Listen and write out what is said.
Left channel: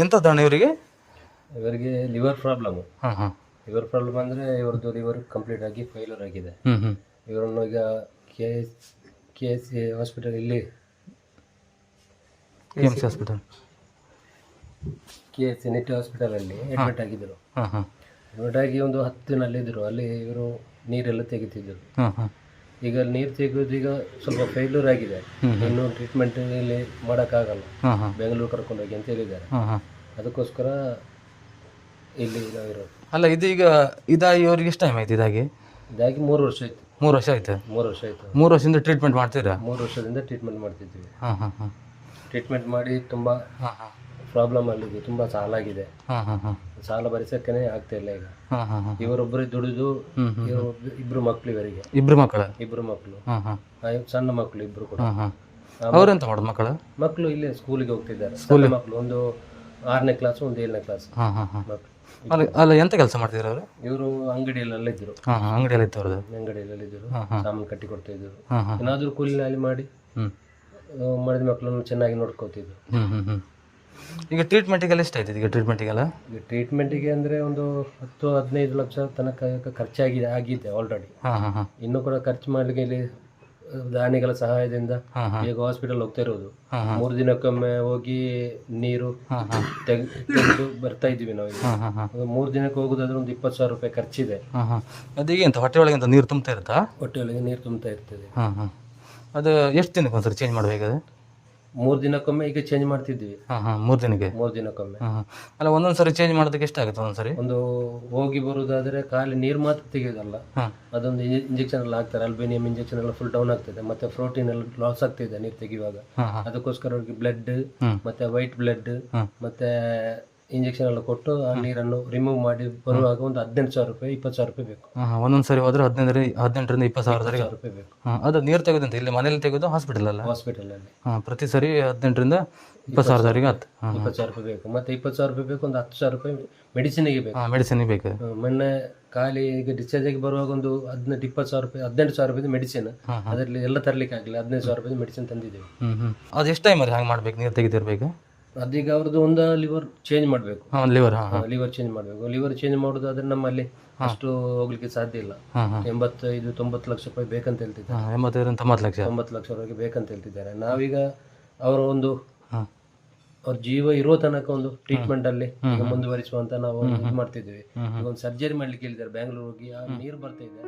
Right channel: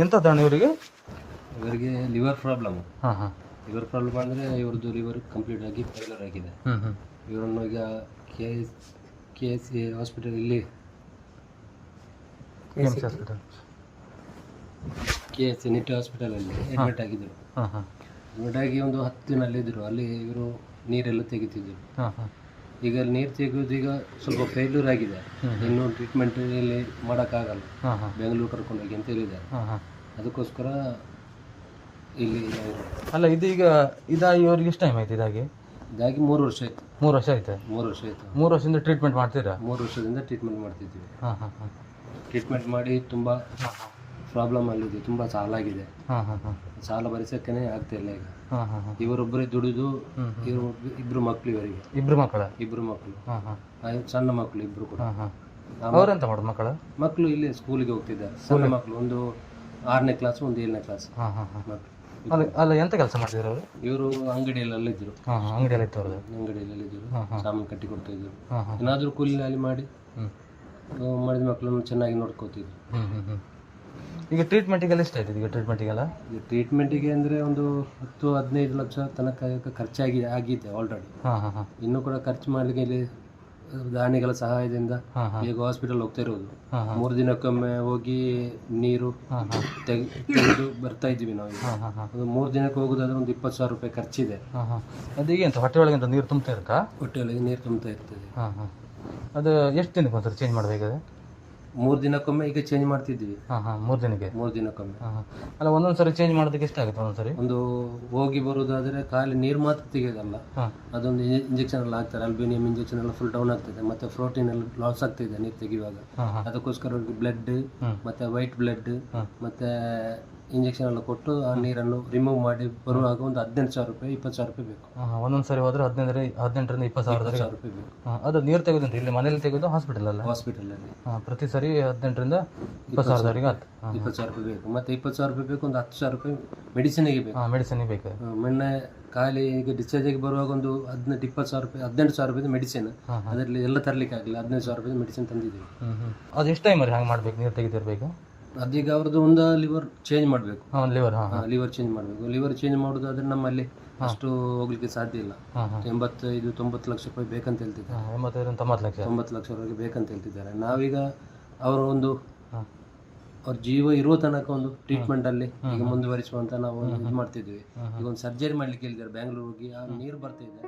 ಎಂಥದ್ದಣ್ಣ ಇವರಿಗೆ? ಇವರಿಗೆ liver problem. ಹಾಂ ಹಾಂ ಲಿವರ್ ಪ್ರಾಬ್ಲಮ್ ಅಂದರೆ ಇವ್ರದ್ದು ಲಿವರ್ ಕಂಪ್ಲೀಟ್ ಆಗಿ ಫೇಲ್ಯೂರ್ ಆಗಿದೆ. ಇವರನ್ನು ಈಗ ಕೆ ಎಸ್ ಸಿ ಹಾಸ್ಪಿಟಲ್ ಇಲ್ಲಿ KMC hospital K S C Nitte ಹಾಸ್ಪಿಟಲಲ್ಲಿ ಅಡ್ಮಿಟ್ ಆಗಿದ್ದರು. ಹಾಂ ಹಾಂ ಅಡ್ಮಿಟ್ ಆಗಿ ಒಂದು 10 ದಿನ ಅಲ್ಲಿದ್ದರು. ಅಲ್ಲಿ ಇವರು ನೀರೆಲ್ಲ ತೆಗಿತಿದ್ದರು. ಹಾಂ ಹಾಂ ಈಗ ಅಲ್ಲಿ ನೀರು ತೆಗೆಯೋದು ಈಗ ಸ್ವಲ್ಪ ಫೇಲ್ಯೂರ್ ಆಗಿದೆ. ಇನ್ನು ಟ್ರೀಟ್ಮೆಂಟ್ ಇಲ್ಲಿ ಮಾಡೋಕ್ಕಾಗಲ್ಲ, ಹಾಂ ಹಾಂ ಬೆಂಗಳೂರು ಕರ್ಕೊಂಡೋಗಿ ಅಂತ ಹೇಳಿದ್ದಾರೆ. ಹಾಂ ಹಾಂ ಅದಕ್ಕೋಸ್ಕರ ಇಲ್ಲಿ ಇವರು ಅಲ್ಲ ಇದೀಗ ಇದಾಗಿ ಅವ್ರಿಗೆ ಎಷ್ಟು ಟೈಮ್ ಆಯ್ತು ಇದಾಗಿ? ಇದಾಗಿ 3 ವರ್ಷ ಆಯಿತು. 3 ವರ್ಷ ಆಯ್ತು. 3 ವರ್ಷ ಆಯಿತು. 3 ವರ್ಷದಿಂದ ಟ್ರೀಟ್ಮೆಂಟ್ ಮಾಡ್ತೀರಾ? 3 ವರ್ಷದಿಂದ ಟ್ರೀಟ್ಮೆಂಟ್ ಮಾಡ್ತಿದ್ದೀವಿ. ಹಾಂ ಹಾಂ ಹಾಂ ಟ್ರೀಟ್ಮೆಂಟ್ ಮಾಡಿ ತುಂಬ ಹಾಂ ಹಾಂ ಪ್ರಾಬ್ಲಮ್ ಅಲ್ಲಿದೆ, ತುಂಬ ಸಾಲ ಆಗಿದೆ. ಹಾಂ ಹಾಂ ಹಾಂ ಸಾಲ ಭರಿಸೋಕ್ಕೇ ಆಗ್ತಾ ಇಲ್ಲ ಈಗ. ಹಾಂ ಹಾಂ ಹಾಂ ಇವರೊಬ್ಬರೇ ದುಡಿದು ಇವರು ಇಬ್ಬರು ಮಕ್ಕಳು, ಇವರಿಗೆ ಇಬ್ಬರು ಮಕ್ಕಳ? ಇಬ್ಬರು ಮಕ್ಕಳು. ಹಾಂ ಹಾಂ ಸಣ್ಣ ಮಕ್ಕಳು ಇಬ್ಬರು ಕೂಡ. ಹಾಂ ಹಾಂ ಅವ್ರೆಂತ ಮಾಡೋದು ಮಕ್ಕಳು? ಮಕ್ಕಳು ಇಲ್ಲೇ ಸ್ಕೂಲಿಗೆ ಹೋಗ್ತಿದ್ದಾರೆ. ಸಣ್ಣ ಮಕ್ಕಳು, ಒಂದು 6ನೇ ಕ್ಲಾಸ್, ಒಂದು 7ನೇ ಕ್ಲಾಸ್ ಹಾಂ ಹಾಂ ಹಾಂ ಮಕ್ಕಳು. ಅಲ್ಲ ಅಲ್ಲ ಎಂತ ಕೆಲಸ ಮಾಡ್ತಿದ್ರು ಅವರು? ಇವರು ಅಂಗಡಿಯಲ್ಲೆಲ್ಲ ಇದ್ದರು. ಹಾಂ ಹಾಂ ಅಂಗಡಿಯಲ್ಲಿ ಇತ್ತು ಅವ್ರದ್ದು? ಅಂಗಡಿಯಲ್ಲೆಲ್ಲ ಇದ್ದರು, ಹಾಂ ಹಾಂ ಸಾಮಾನು ಕಟ್ಟಿ ಕೊಡ್ತಾ ಇದ್ದರು. ಹಾಂ ಹಾಂ ಏನಾದರೂ ಕೂಲಿನಲ್ಲಿ ಮಾಡಿ ಹ್ಞೂ ಮಾಡಿದ ಮಕ್ಕಳನ್ನು ಚೆನ್ನಾಗಿ ನೋಡ್ಕೋತಿದ್ರು. ಹ್ಞೂ ಹ್ಞೂ ಹ್ಞೂ ಈಗ ಟ್ರೀಟ್ಮೆಂಟಿಗೆಲ್ಲ ಎಷ್ಟು ಆಯ್ತದೆ? ಈಗ ಟ್ರೀಟ್ಮೆಂಟಿಗೆಲ್ಲ ಈ ಟ್ರೀಟ್ಮೆಂಟಿಗೆ ಅಂದರೆ ಒಂದು 10-15 ಲಕ್ಷ ತನಕ ಖರ್ಚಾಗಿದೆ ಆಗಿದೆ ಆಲ್ರೆಡಿ. ಹಾಂ ಹಾಂ ಹಾಂ ಇನ್ನೂ ಕೂಡ ಖರ್ಚು ಮಾಡಲಿಕ್ಕೆ ಇಲ್ಲಿ ದಾನಿಗಳ ಸಹಾಯದಿಂದ ಹಾಂ ಹಾಂ ಈಗ ಹಾಸ್ಪಿಟಲ್ ಹೋಗ್ತಾ ಇರೋದು. ಹಾಂ ಹಾಂ 3 ದಿನಕ್ಕೊಮ್ಮೆ ಹೋಗಿ ನೀರು ಹಾಂ ಹಾಂ ತೆಗೆದು ಬರ್ತಾ ಇದ್ದೀವಿ ನಾವು. ಹಾಂ ಹಾಂ ಹಾಂ ಅದು 3 ದಿನಕ್ಕೆ ಹೋಗೋದಾದ್ರೆ ಒಂದು 20,000 ರೂಪಾಯಿ ಖರ್ಚಿದೆ. ಹಾಂ ಹಾಂ ಅದೀಗ ಎಂತ ಹೊಟ್ಟೆ ಒಳಗೆ ಅಂತ ನೀರು ತುಂಬ್ತಾ ಇರುತ್ತಾ? ಹೊಟ್ಟೆಯೊಳಗೆ ನೀರು ತುಂಬ್ತಾ ಇರ್ತದೆ. ಹಾಂ ಹಾಂ ಅದು ಎಷ್ಟು ದಿನಕ್ಕೆ ಒಂದ್ಸರಿ ಚೇಂಜ್ ಮಾಡಬೇಕಾದ್ರೆ? 3 ದಿನಕ್ಕೊಮ್ಮೆ ಈಗ ಚೇಂಜ್ ಮಾಡ್ತಿದ್ದೀವಿ. ಹಾಂ ಹಾಂ 3 ದಿನಕ್ಕೆ? 3 ದಿನಕ್ಕೊಮ್ಮೆ. ಹಾಂ ಹಾಂ ಅಲ್ಲ ಒಂದೊಂದು ಸರಿ ಚೇಂಜ್ ಮಾಡೋದಕ್ಕೆ ಎಷ್ಟಾಗುತ್ತೆ ಒಂದೊಂದು ಸರಿ? ಒಂದು ಹೋಗಿ ಬರೋದಾದರೆ ಖಾಲಿ ನೀರು ಮಾತ್ರ ತೆಗೆಯೋದಲ್ಲ, ಹಾಂ ಅದೊಂದು ಇಂಜೆಕ್ಷನ್ ಎಲ್ಲ ಹಾಕ್ತಾರೆ. ಅಲ್ಬೇನಿಯಂ ಇಂಜೆಕ್ಷನ್ ಎಲ್ಲ ಫುಲ್ ಡೌನ್ ಆಗ್ತದೆ, ಮತ್ತು ಪ್ರೋಟೀನ್ ಎಲ್ಲ ಲಾಸ್ ಆಗ್ತಿದೆ ನೀರು ತೆಗೆಯುವಾಗ. ಹಾಂ ಹಾಂ ಅದಕ್ಕೋಸ್ಕರ ಅವ್ರಿಗೆ ಬ್ಲಡ್ ಹ್ಞೂ ಮತ್ತು ವೈಟ್ ಬ್ಲಡ್ ಹ್ಞೂ ಮತ್ತು ಇಂಜೆಕ್ಷನ್ ಎಲ್ಲ ಕೊಟ್ಟು ಆ ನೀರನ್ನು ರಿಮೂವ್ ಮಾಡಿ ಬರುವಾಗ ಒಂದು 18,000 ರೂಪಾಯಿ 20,000 ರೂಪಾಯಿ ಬೇಕು. ಹಾಂ ಹಾಂ ಒಂದೊಂದು ಸರಿ ಹೋದ್ರೆ 18ರಿಂದ 20,000 ರೂಪಾಯಿ ಬೇಕು. ಹಾಂ ಅದು ನೀರು ತೆಗೆದಂತ ಇಲ್ಲಿ ಮನೇಲಿ ತೆಗೆದು ಹಾಸ್ಪಿಟಲಲ್ಲ? ಹಾಸ್ಪಿಟಲಲ್ಲಿ ಹಾಂ ಪ್ರತಿ ಸರಿ 18ರಿಂದ 20,000 ಆಯ್ತು. ಹಾಂ 20,000 ರೂಪಾಯಿ ಬೇಕು. ಮತ್ತು 20,000 ರೂಪಾಯಿ ಬೇಕು, ಒಂದು 10,000 ರೂಪಾಯಿ ಮೆಡಿಸಿನಿಗೆ ಬೇಕು. ಹಾಂ ಮೆಡಿಸಿನ್ ಬೇಕು. ಮೊನ್ನೆ ಖಾಲಿ ಈಗ ಡಿಸ್ಚಾರ್ಜ್ ಆಗಿ ಬರುವಾಗ ಒಂದು 18-20,000 ರೂಪಾಯಿ 18,000 ರೂಪಾಯಿ ಮೆಡಿಸಿನ್. ಹಾಂ ಹಾಂ ಅದರಲ್ಲಿ ಎಲ್ಲ ತರಲಿಕ್ಕೆ ಆಗಲಿ 15,000 ರೂಪಾಯಿ ಮೆಡಿಸಿನ್ ತಂದಿದ್ದೀವಿ. ಹ್ಞೂ ಹ್ಞೂ ಅದು ಎಷ್ಟು ಟೈಮಲ್ಲಿ ಹಂಗೆ ಮಾಡ್ಬೇಕು ನೀರು ತೆಗೆದಿರ್ಬೇಕು? ಅದೀಗ ಅವ್ರದ್ದು ಒಂದು ಲಿವರ್ ಚೇಂಜ್ ಮಾಡಬೇಕು. ಹಾಂ ಲಿವರ್? ಹಾಂ ಹಾಂ ಲಿವರ್ ಚೇಂಜ್ ಮಾಡಬೇಕು. ಲಿವರ್ ಚೇಂಜ್ ಮಾಡೋದಾದ್ರೆ ನಮ್ಮಲ್ಲಿ ಅಷ್ಟು ಹೋಗ್ಲಿಕ್ಕೆ ಸಾಧ್ಯ ಇಲ್ಲ. ಹಾಂ ಹಾಂ 85-90 ಲಕ್ಷ ರೂಪಾಯಿ ಬೇಕಂತ ಹೇಳ್ತಿದ್ದಾರೆ. ಹಾಂ 85-90 ಲಕ್ಷ 90 ಲಕ್ಷವರೆಗೆ ಬೇಕಂತ ಹೇಳ್ತಿದ್ದಾರೆ. ನಾವೀಗ ಅವರ ಒಂದು ಹಾಂ ಅವ್ರ ಜೀವ ಇರೋ ತನಕ ಒಂದು ಟ್ರೀಟ್ಮೆಂಟ್ ಅಲ್ಲಿ ಈಗ ಮುಂದುವರಿಸುವಂತ ನಾವು ಇದು ಮಾಡ್ತಿದ್ವಿ. ಈಗ ಒಂದು ಸರ್ಜರಿ ಮಾಡ್ಲಿಕ್ಕೆ ಹೇಳಿದ್ದಾರೆ ಬ್ಯಾಂಗ್ಳೂರ್ ಹೋಗಿ. ಆ ನೀರು ಬರ್ತಾ ಇದೆ.